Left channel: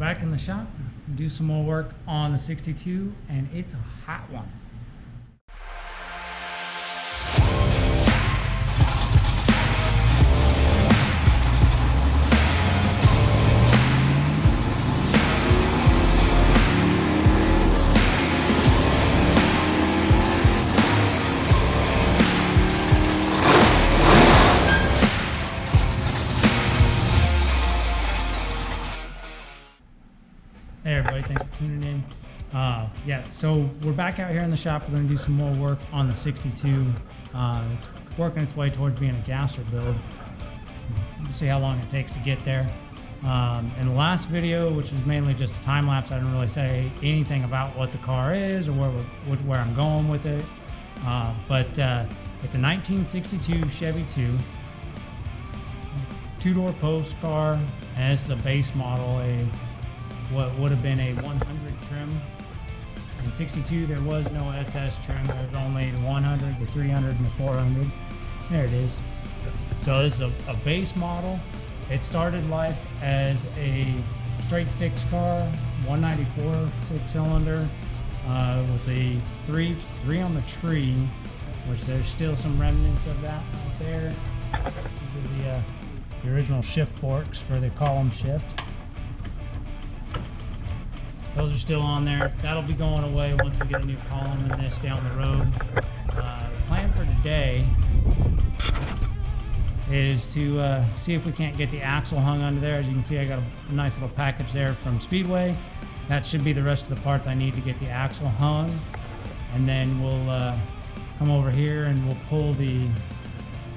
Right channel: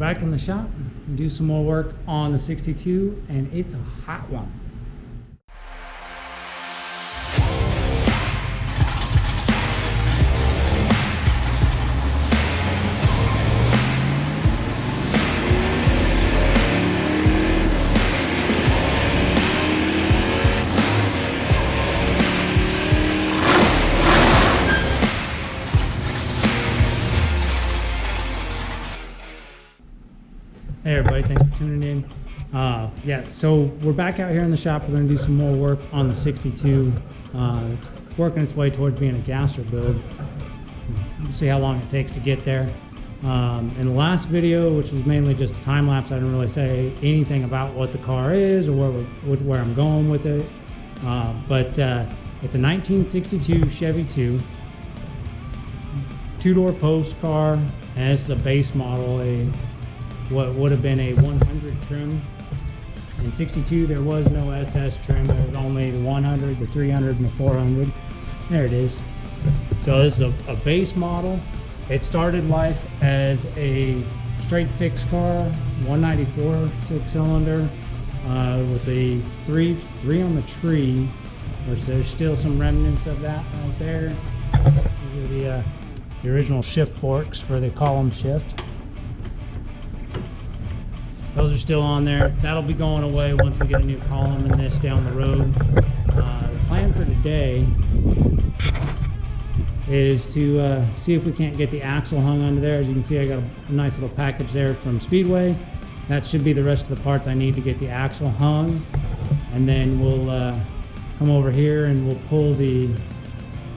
Back in the shop, do some more work on the 62, and it's a hot one. Hey everybody, thanks for tuning in. Yeah, so we're back out here in the shop. We're going to do some more work on the 62. It's working its way towards being a gasser build. We'll see how long it takes to get there. In the last video, which was mainly just a time lapse, I didn't really say anything about what the car is or where I'm going with it. But it's a 1962 Chevy II, two-door post car, and this is a base model, what would have been a 100 trim. In 62 there was no SS trim, there was only the 100, the 300, and the 400. There it is. So this is a base model. It started life as a straight six car, 194 six-cylinder, with the three on the tree, which there's still some remnants of that right there. These are the original shift forks for the column shift. Those are still on there. That'll be going away once we get a new column in this down the road. The plan for today is to see if we can't get the axle hung under there. As you can see, I got a nice little package there from Speedway. That should be the rest of the parts I need to get the axle hung. And then we'll come over here and we'll pull the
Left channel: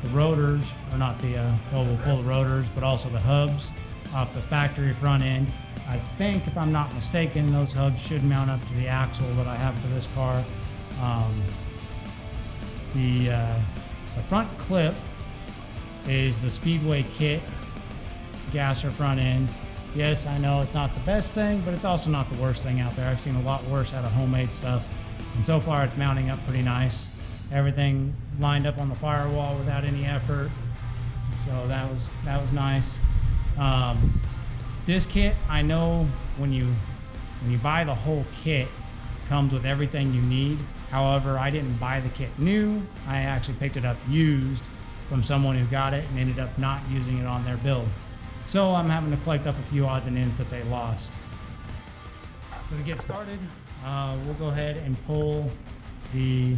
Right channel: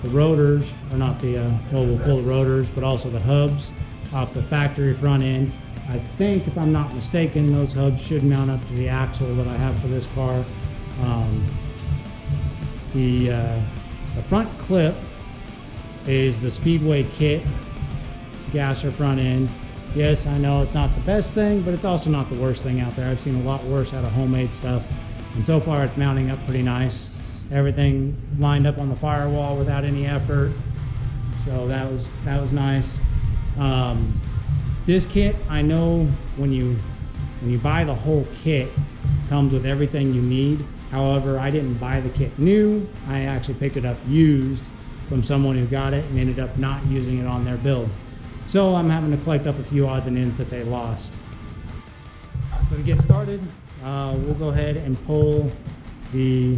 rotors, or not the, well, we'll pull the rotors, but also the hubs off the factory front end. I think, if I'm not mistaken, those hubs should mount up to the axle that I have for this car. The front clip is the Speedway kit gasser front end. Yes, I know it's not the best thing, but it's also not the worst thing out there. I've seen a lot worse out of homemade stuff, and so far it's mounting up pretty nice. Everything lined up on the firewall without any effort, so that was nice. This kit, I know when you buy the whole kit, it comes with everything you need. However, I didn't buy the kit new. I actually picked it up used from someone who got it and ended up not using it on their build. So I'm having to collect up a few odds and ends that they lost. So to get started, we'll go ahead and pull the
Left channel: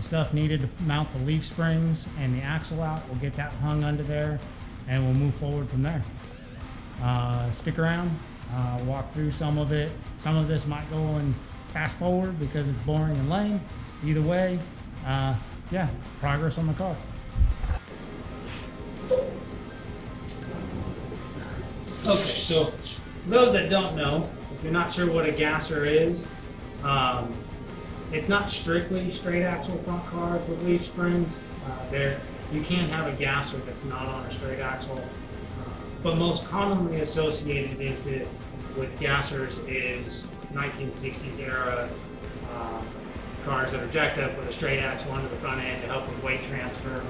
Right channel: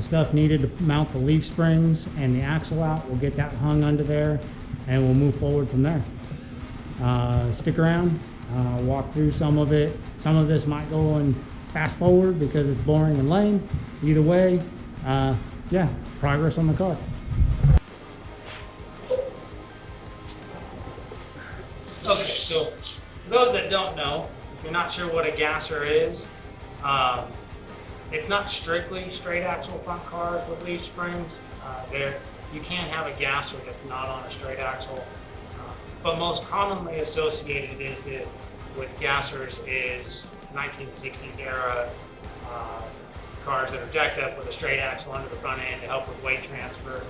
stuff needed to mount the leaf springs and the axle out. We'll get that hung under there and we'll move forward from there. Stick around, walk through some of it. Some of this might go in fast forward because it's boring and lame. Either way, yeah, progress on the car. Okay, so for those that don't know, if you're not sure what a gasser is, it's not strictly straight axle front cars with leaf springs. You can have a gasser that's not on a straight axle. But most commonly associated with gassers is 1960s era cars that are jacked up with a straight axle under the front end to help with weight transfer.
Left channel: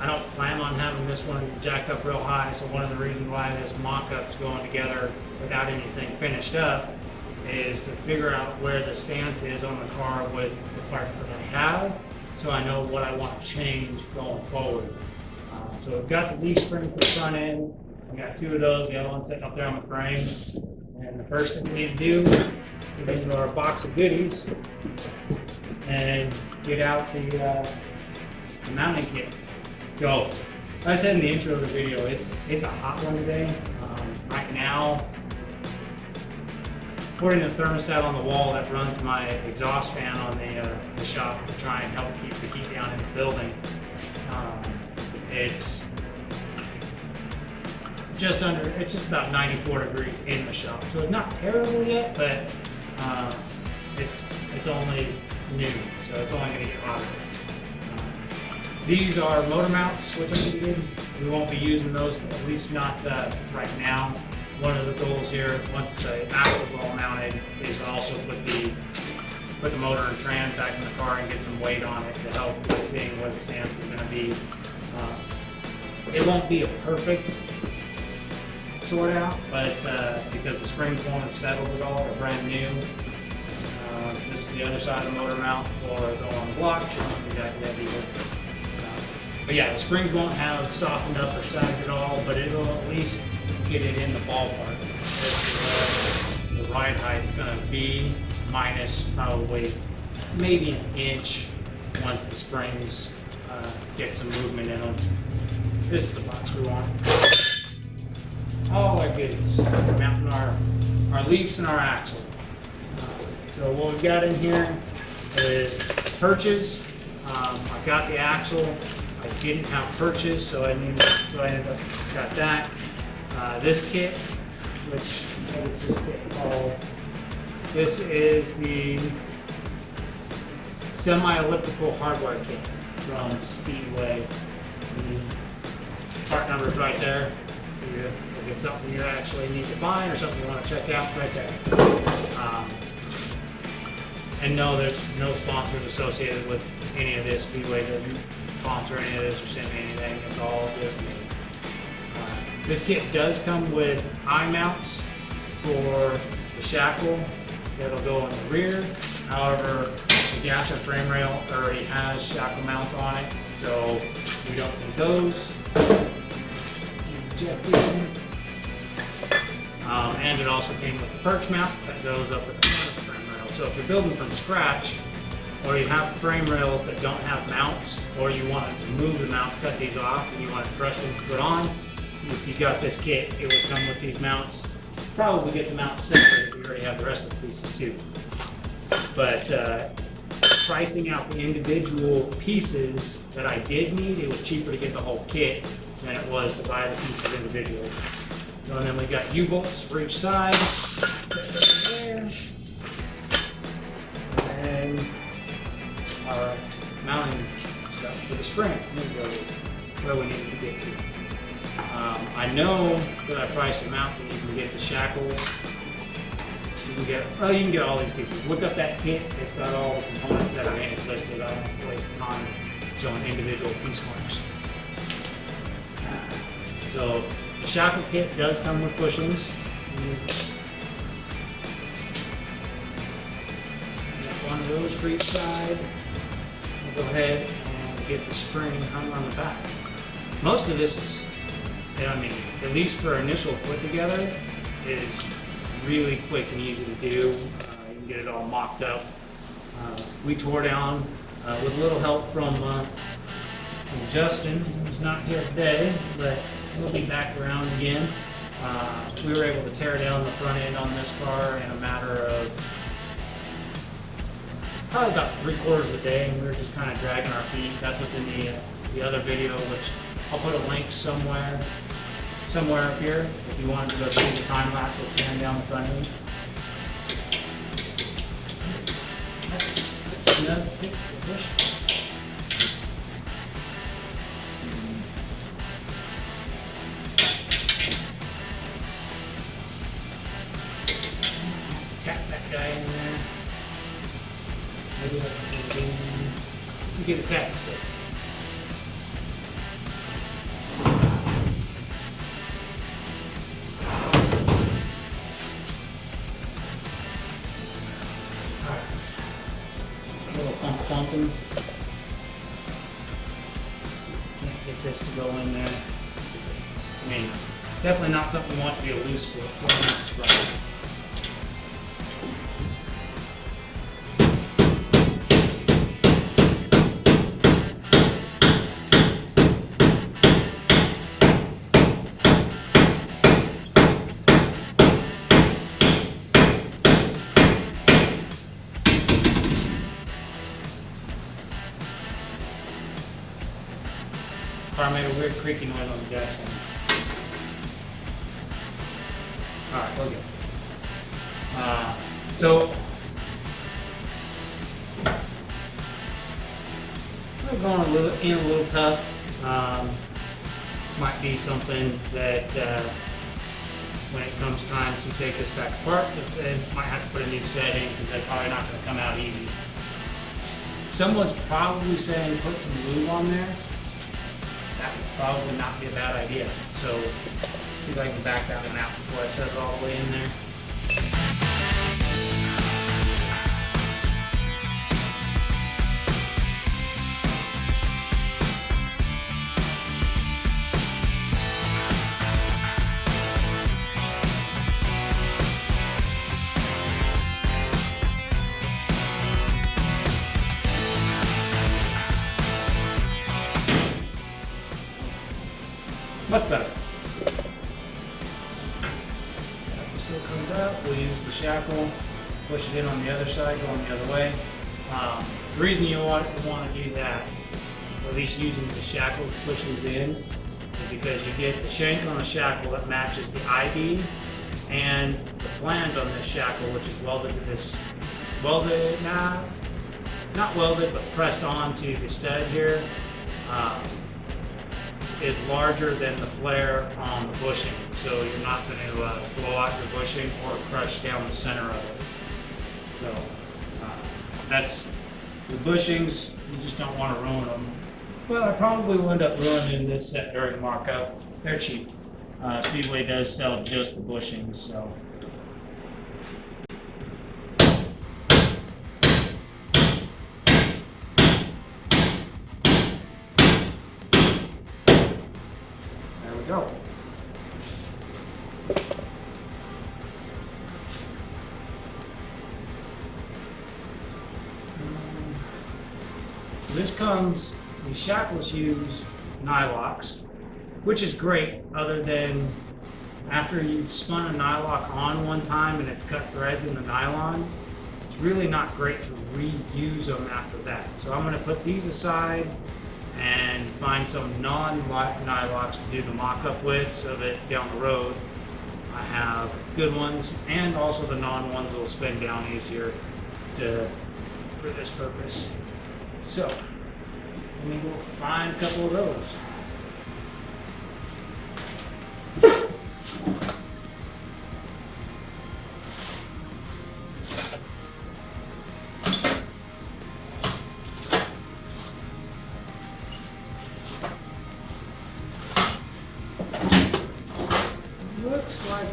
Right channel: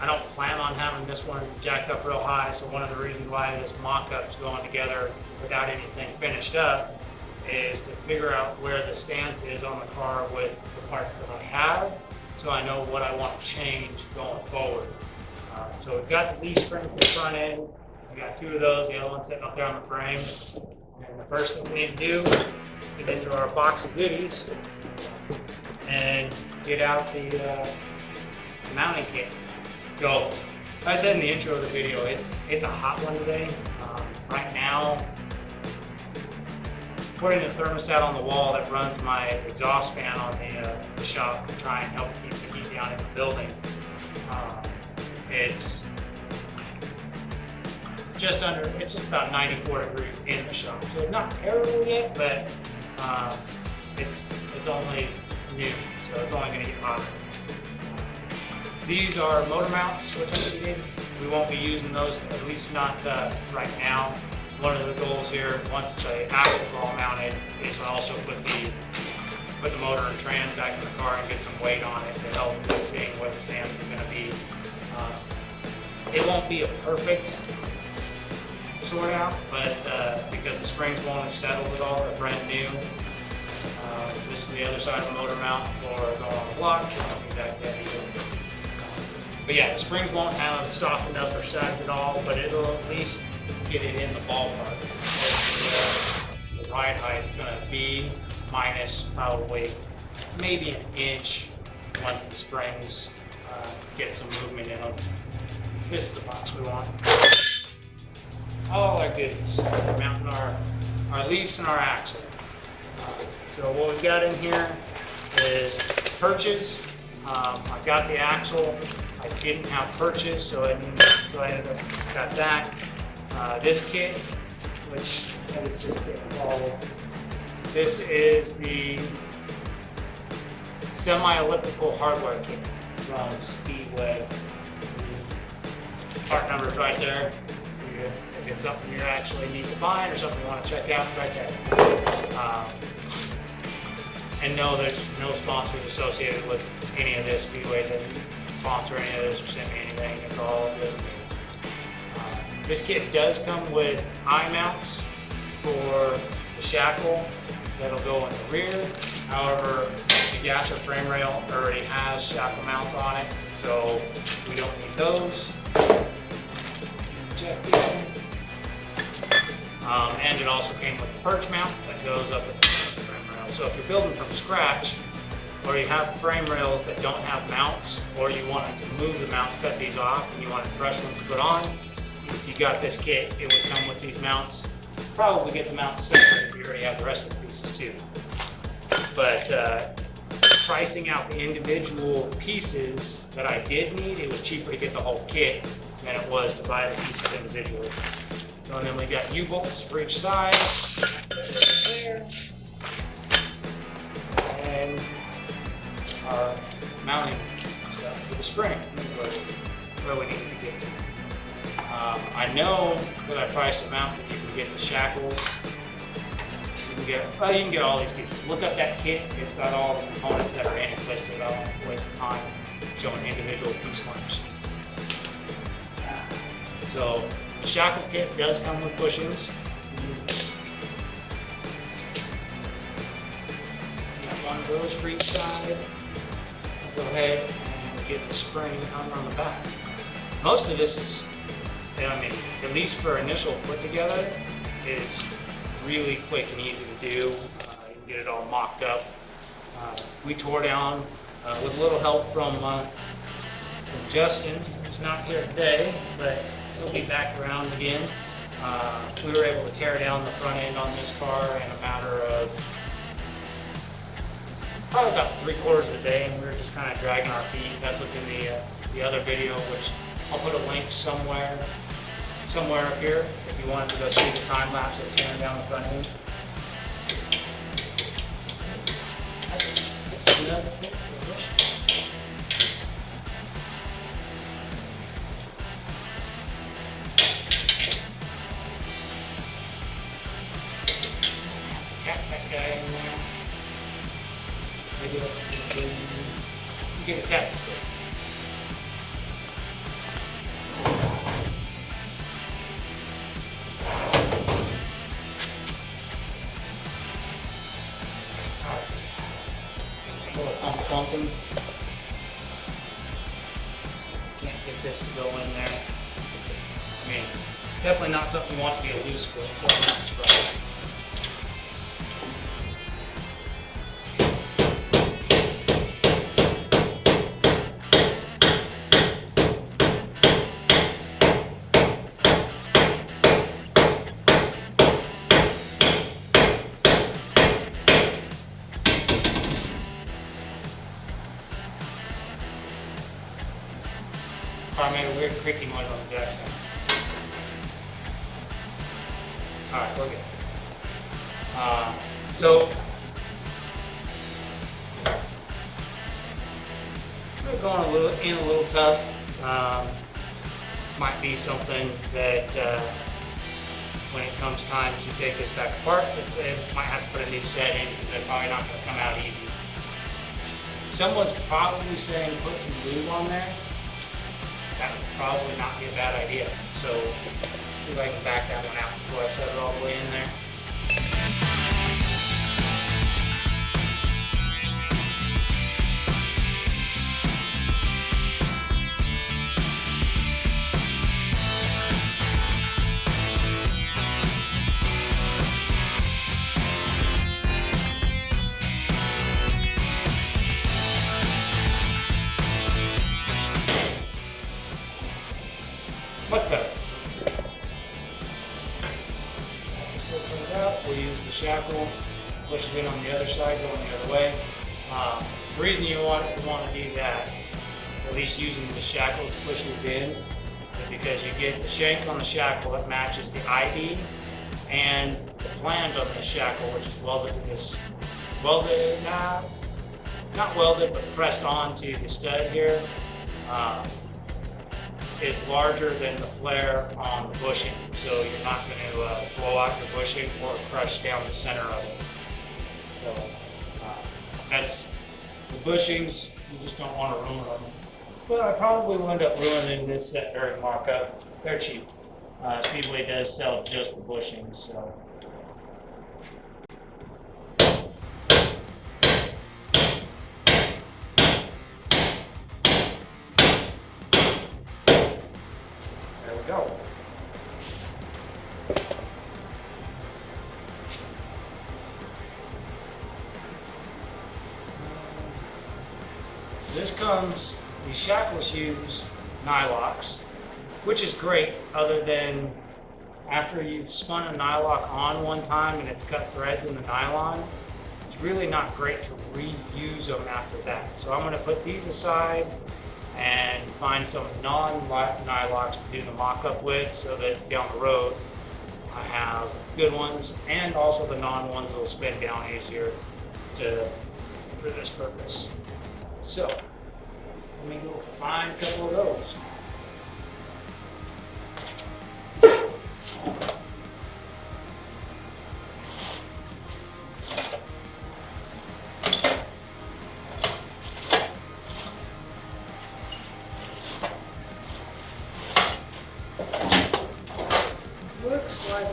I don't plan on having this one jacked up real high, so one of the reasons why this mock-up is going together without anything finished up is to figure out where the stance is on the car with the parts that I have, so I know what I want to change going forward. So we've got the leaf spring for the front end. We got two of those, the other one sitting up there on the frame. And the first thing we need to do is get into our box of goodies and get out the mounting kit. So, like I said in the intro of the video, it's a hot one today. Right now, according to the thermostat on the wall that runs my exhaust fan on the shop to try and help keep the heat down in the building, it's just about 94 degrees in the shop. So it's not terrible yet, but it's only new, so it's only gonna get hotter. These are motor mounts, which I needed. We won't be using those, at least not right now. One of the goals here, once the axle's all mounted, is to also put the motor and trans back in the car and get some weight on it to help with seeing where the stance is going to be. It won't be a perfect sort out, but because the springs won't have settled at all, they're brand new. This is the other side of the motor mount for going on the block. But yeah, the springs won't have softened up or sagged at all, but it'll at least get it in the ballpark. The ride height's going to be minus probably maybe an inch once the springs get some movement in them. This is the box we want. All our goodies. Mounting our leafs and our axle. So what we've got in here is perches. I've got the axle. I didn't have perches, so I ended up got that. This kit, which what is this kit called? This is the Semi-Elliptical hardware kit from Speedway. The part number is right there. If it's something you actually need to find or something you want to check out, right there. And no, there's no sponsors associated with any of this. Speedway doesn't sponsor any of this or send me anything. It's all good. This kit does come with eye mounts for the shackle that'll go in the rear. However, the gasher frame rail already has shackle mounts on it, so we don't need those. Check in. And it also came with the perch mount that goes up with the frame rail. So if you're building from scratch, or you have frame rails that don't have mounts, or you want to move the mounts, cut these off, and you want fresh ones to put on, if you got this kit, it would come with these mounts. Probably get the mounts separate if you already have the rest of the pieces too. But pricing out the individual pieces that I did need, it was cheaper to get the whole kit than it was to buy the pieces individually. So, and then we got U-bolts for each side. And our mounting stuff for the spring, where we need to be to. I know that I priced them out. You can get the shackles. You can get all these pieces. Look up that kit. It's got all the components that are in it listed. I won't waste the time showing individual piece marks. So the shackle kit does come with bushings. Got one of those for each side. We'll go ahead and get the spring hung on the back. Most of this is, I mean, at least for initial put together, is really quick and easy to do. You can get it all mocked up. We tore down with a little help from Justin, who's not here today, but he'll be back around again. We were able to tear down the front end on this car in a matter of probably about 3/4 of a day, and we were just kind of dragging our feet. That's what's in the other video, which I'll put a link somewhere up here if you wanted to go see the time lapse of tearing down the front end. That's another thing to push. Tap that guy in there. Maybe you get a tap stick. Funky. Can't get this to go in there. I mean, definitely not something you want to be a loose foot, so I'm not surprised. Car made a weird creaking noise on the jackstone. Alright, we're good. So, we're going a little tough. Might be something that when it comes time to take this back apart, it might have to put a new set in because they're probably not going to come out easy. Someone's probably saying put some glue on there. That would probably not be a bad idea. So See if I can back that one out before I set it all the way in there. Much better. Still comes up. We'll use the shackle, push it in on the other side, going the other way. The reason you want to do that, at least using the shackle to push these in, is because you get the shank on the shackle that matches the ID and the flange on this shackle, which is welded to this, not welded, but pressed onto the stud here. Is larger than the flare on the bushing, so you're not going to blow out your bushing or crush down the center of it. So that's the bushings. You just don't want to ruin them. But I probably will end up ruining this set during markup. They're cheap. Speedway does sell just the bushings, so. Go. This comes, these shackles use nylocks, which is great, other than after you've spun a nylock on one time and it's cut threads in the nylon, it's really not great to reuse them after that. So I'm going to put these aside and find some non-nylocks to do the mock-up with, so that down the road I have good ones, and also the non-ones will spin down easier for this purpose. So let me go find a couple of those.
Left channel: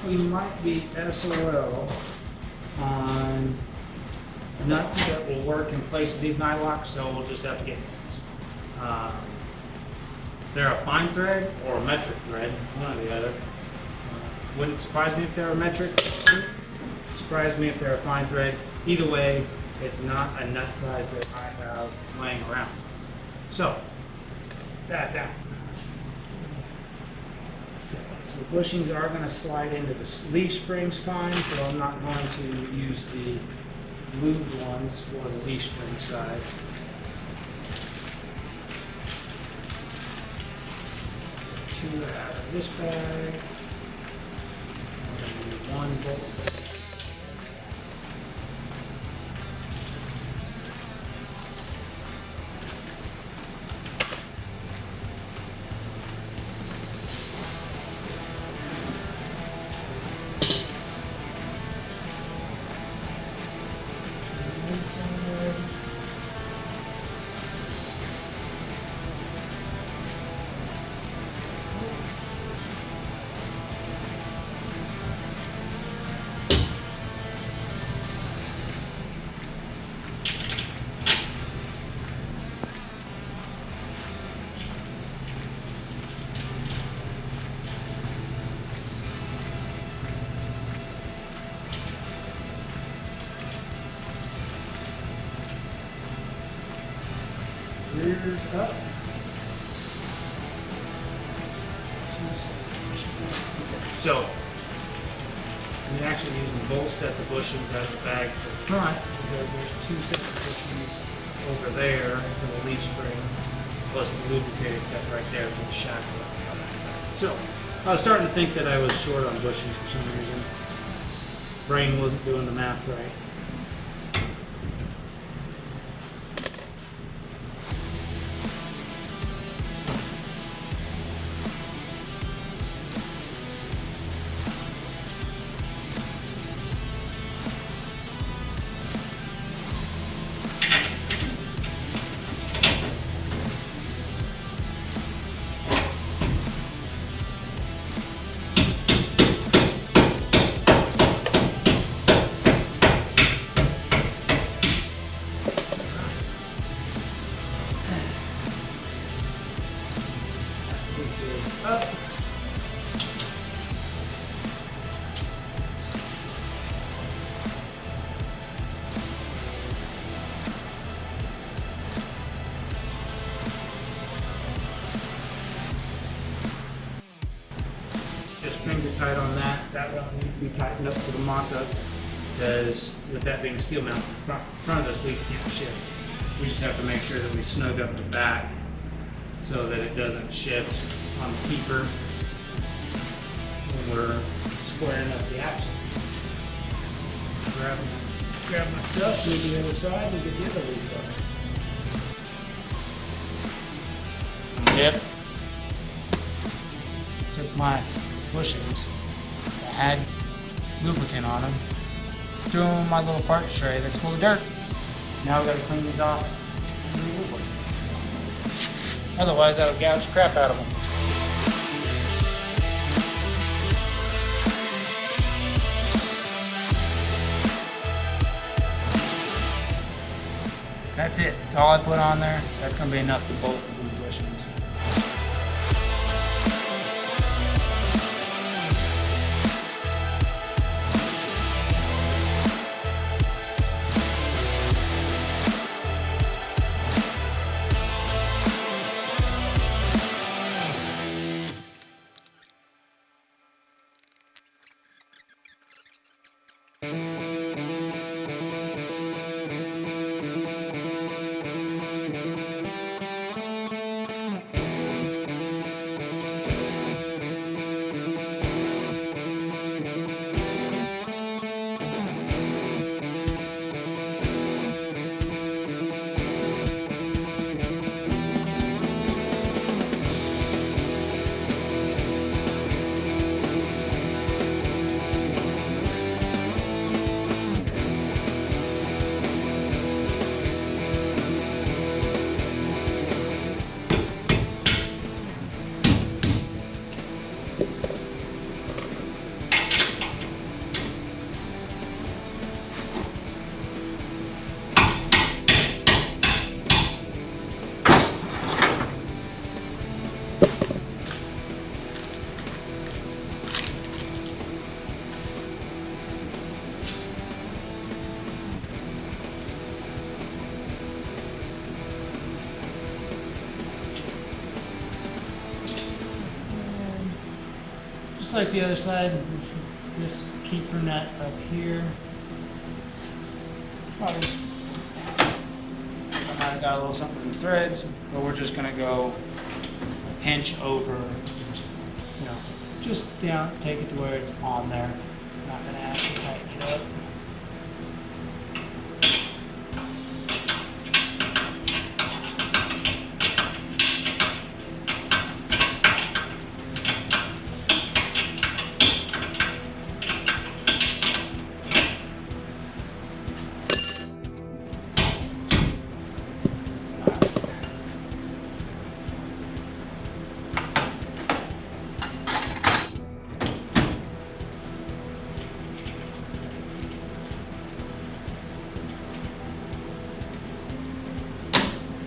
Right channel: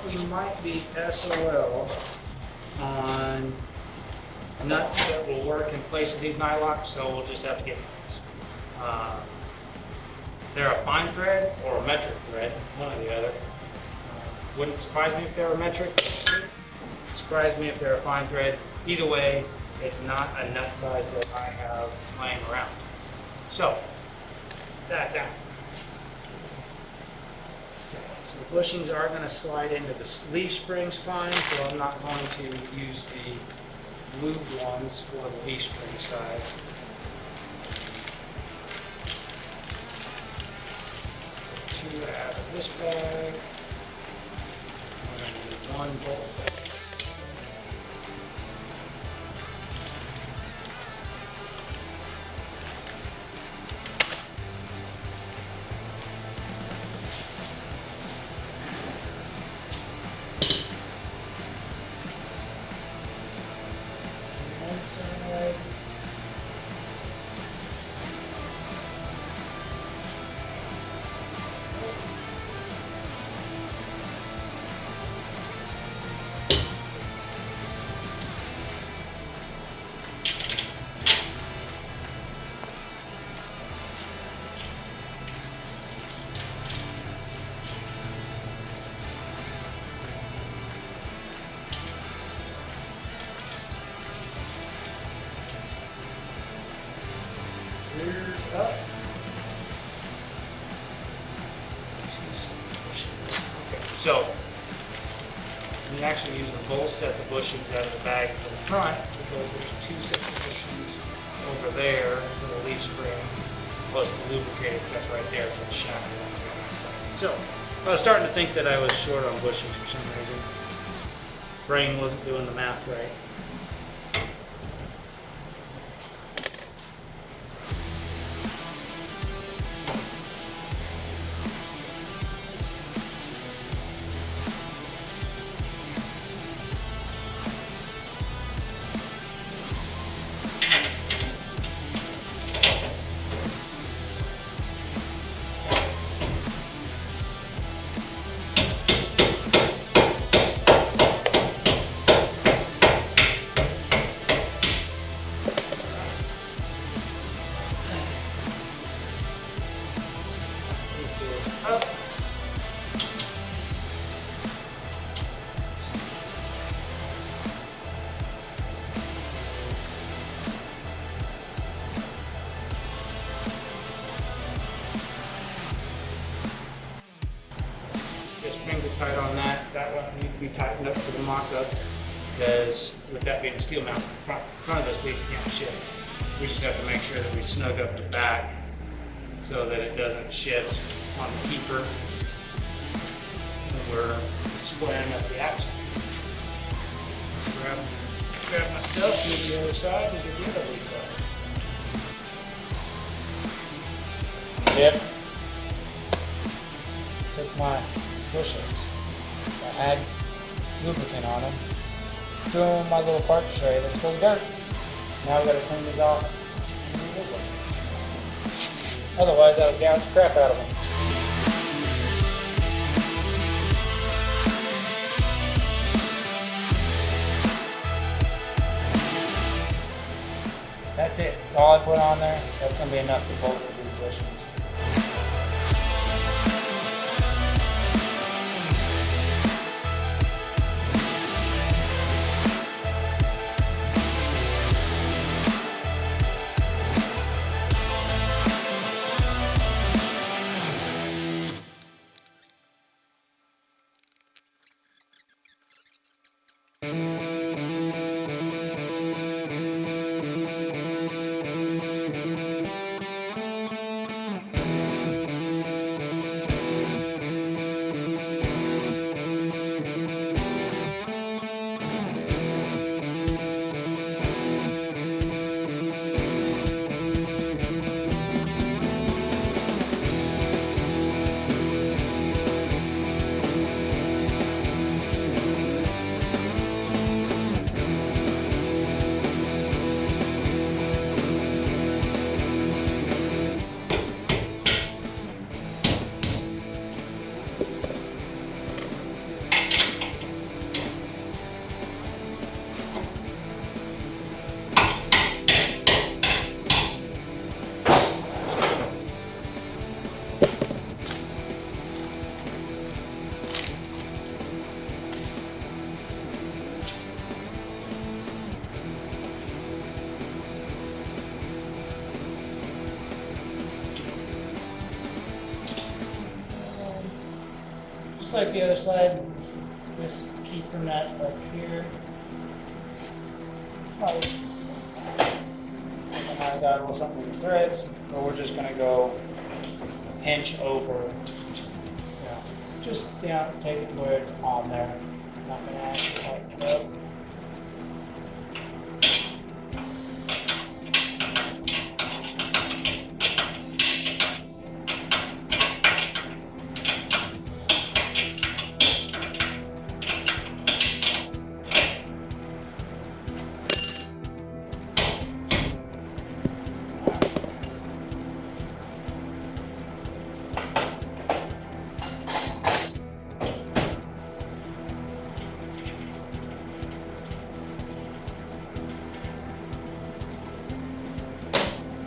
We might be SOL on nuts that will work in place of these nylocks, so we'll just have to get nuts. They're a fine thread or a metric thread, one or the other. Wouldn't surprise me if they're a metric. Surprise me if they're a fine thread. Either way, it's not a nut size that I have laying around. So that's out. The bushings are going to slide into the leaf springs fine, so I'm not going to use the lubed ones for the leaf spring side. Two out of this bag. We're going to do one bolt bag. Up. So, I'm actually using both sets of bushings out of the bag front, because there's two sets of bushings over there for the leaf spring, plus the lubricated set right there for the shackle on that side. So, I was starting to think that I was short on bushings for some reason. Brain wasn't doing the math right. finger tight on that. That one needs to be tightened up with the mock-up because with that being a steel mount, front of this leaf can't shift. We just have to make sure that we snug up the back so that it doesn't shift on the keeper. We're squaring up the action. Grab my stuff, move to the other side, and get rid of the other side. Yep. Took my bushings that had lubricant on them, threw them in my little park tray that's full of dirt. Now I've got to clean these off. Otherwise, that'll gouge the crap out of them. That's it. That's all I put on there. That's going to be enough for both of these bushings. Just like the other side, this keeper nut up here. I might have got a little something in the threads, but we're just gonna go pinch over, just take it to where it's on there. I'm not gonna actually tighten it up.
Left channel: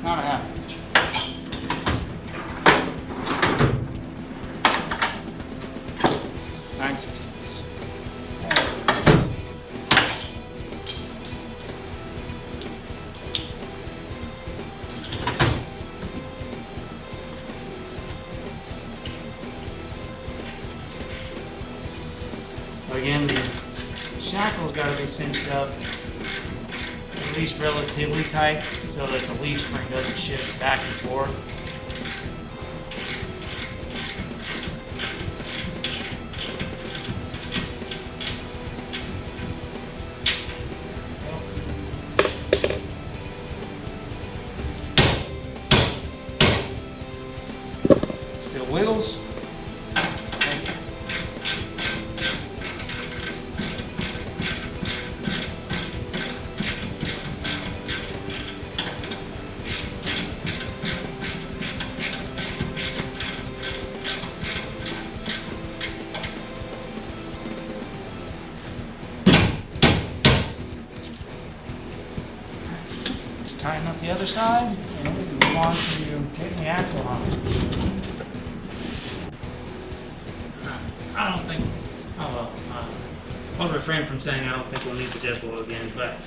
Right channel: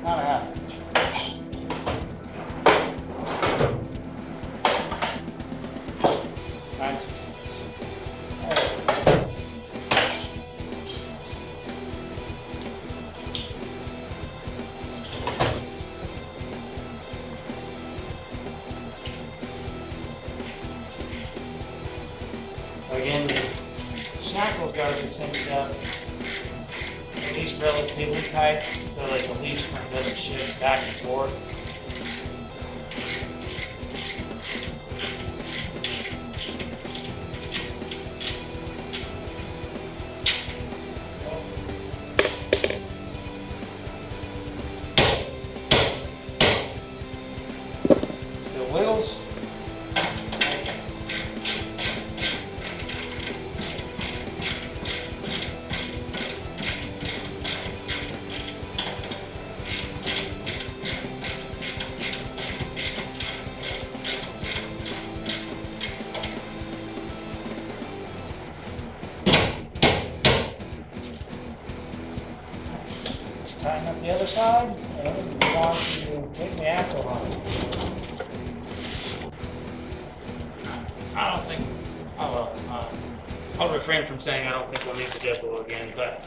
Not a half inch. Nine sixteenths. Again, the shackle's got to be cinched up at least relatively tight so that the leaf spring doesn't shift back and forth. Still wiggles. Tighten up the other side, and then move on to getting the axle hung. I don't think, oh well, I'll refrain from saying I don't think we'll need the dead blow again, but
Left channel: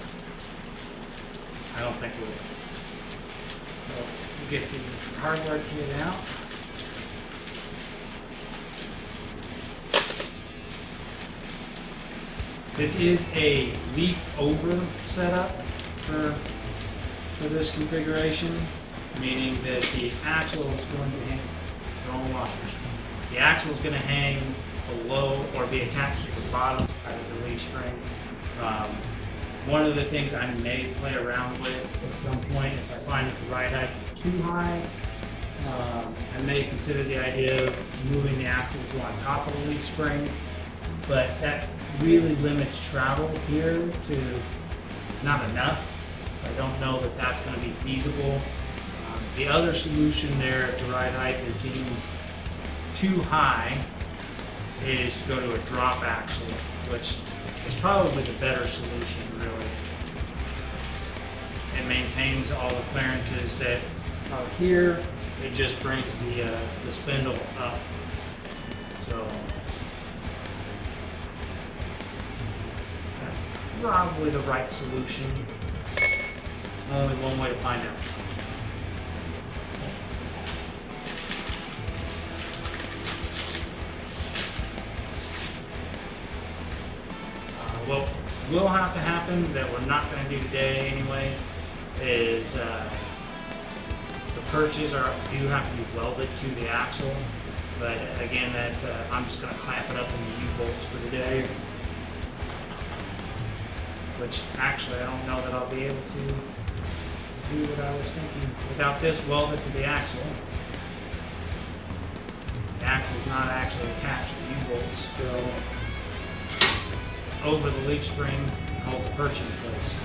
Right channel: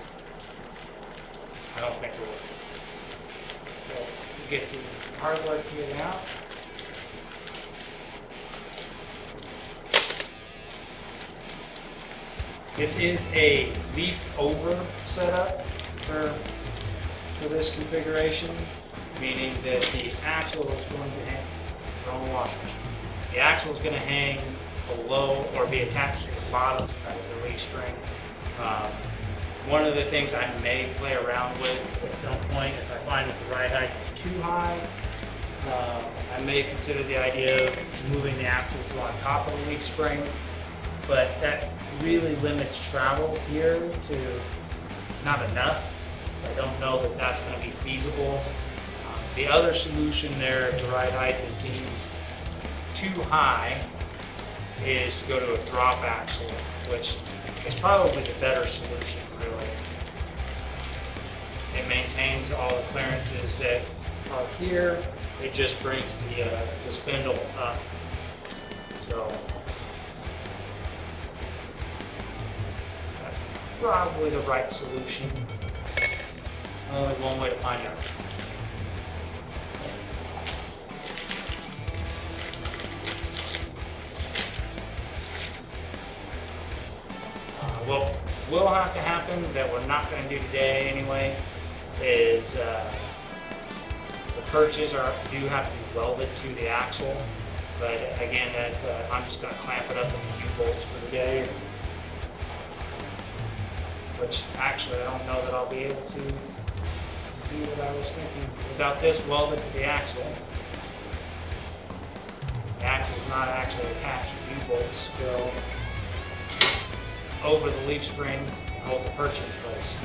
I don't think we'll get the hardware kit out. This is a leaf over setup for this configuration, meaning that the axle is going to hang, throwing washers. The axle is going to hang below or be attached to the bottom of the leaf spring. One of the things I may play around with at some point, if I find that the ride height is too high, I may consider the idea of moving the axle to on top of the leaf spring, but that really limits travel here to not enough. So I don't know that that's going to be feasible. The other solution there, if the ride height is deemed too high, is to go to a drop axle, which is probably the better solution, really. It maintains all the clearances that are here. It just brings the spindle up. So that's probably the right solution. Only one way to find out. What will have to happen that we're not going to do today anyway is the perches do have to be welded to the axle, but again, I'm just going to clamp it up in the U-bolts for today, which actually I don't know that I'll be able to do what I was thinking. Without this welded to the axle, the axle is not actually attached to the U-bolts still over the leaf spring to hold the perch in place.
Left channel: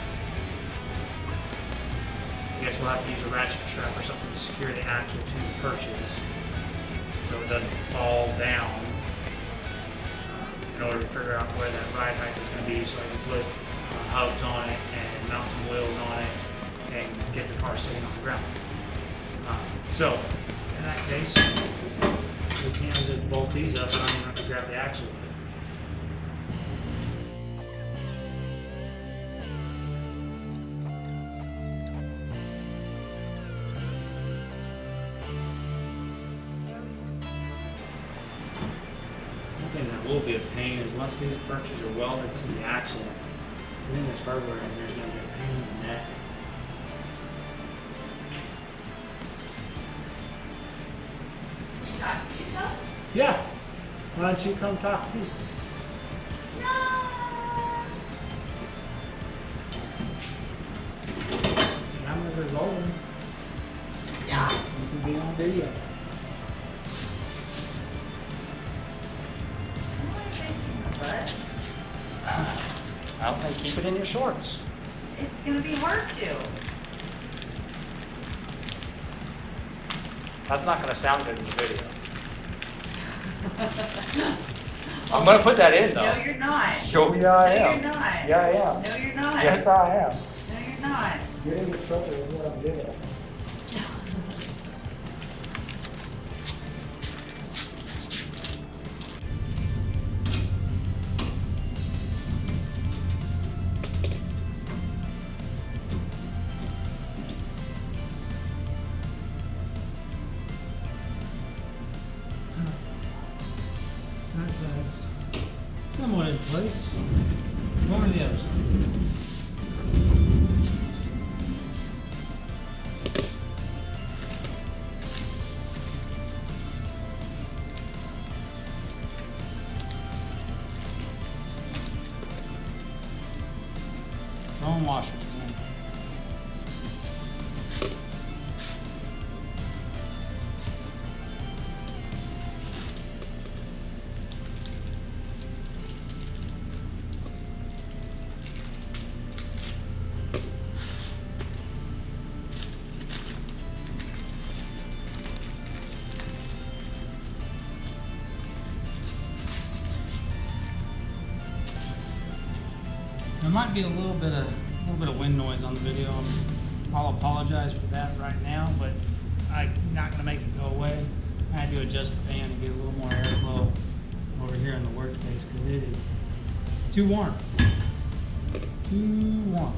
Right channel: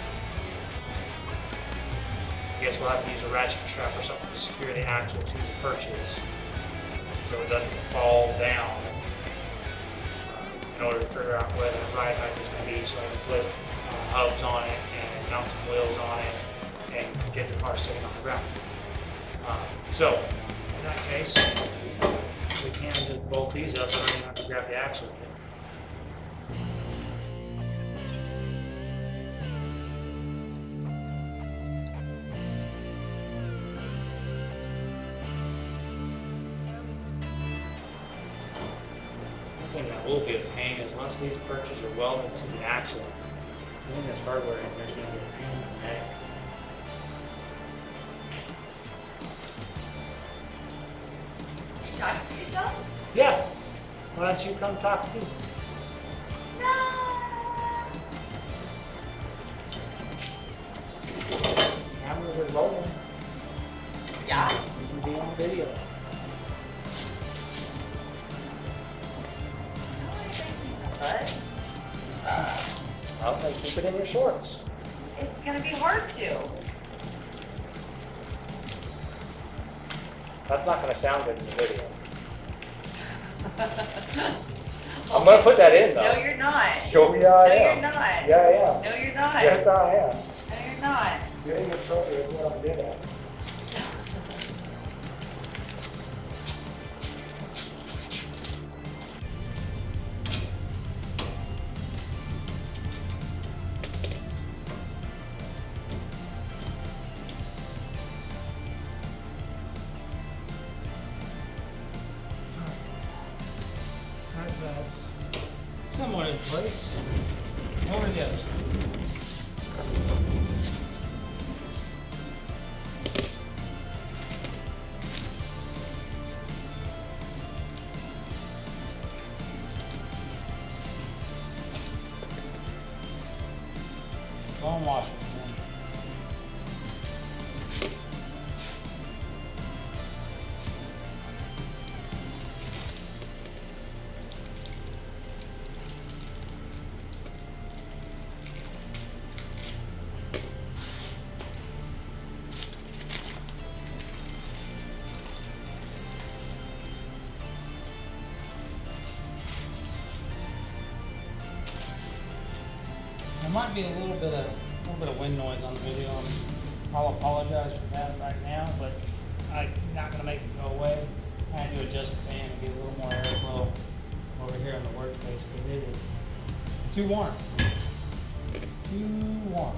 I guess we'll have to use a ratchet strap or something to secure the axle to the perches so it doesn't fall down in order to figure out where that ride height is going to be, so I can put hubs on it and mount some wheels on it and get the car sitting on the ground. So in that case, we can just bolt these up and I don't have to grab the axle. Will be a pain is once these perches are welded to the axle, then there's hardware in there's going to be a pain in the neck. You talk to yourself? Yeah. Why don't you come talk too? No. Cameras are rolling. Yeah. You can be on video. But Well, then keep it in your shorts. it's gonna be hard to. That's not going to sound good in the video. I'm going to put that in though. No, you're not. Sure, yeah, No, I am. you're not. Yeah, I am. No, you're not. Yes, I am. No, you're not. Get in your truck is what I'm getting at. That's somewhat in place. Over to the other side. Don't wash it. There might be a little bit of wind noise on the video. I'll apologize for that right now, but I'm not going to make it go away. I had to adjust the fan to get a little more airflow over here in the workspace because it is too warm. Too warm.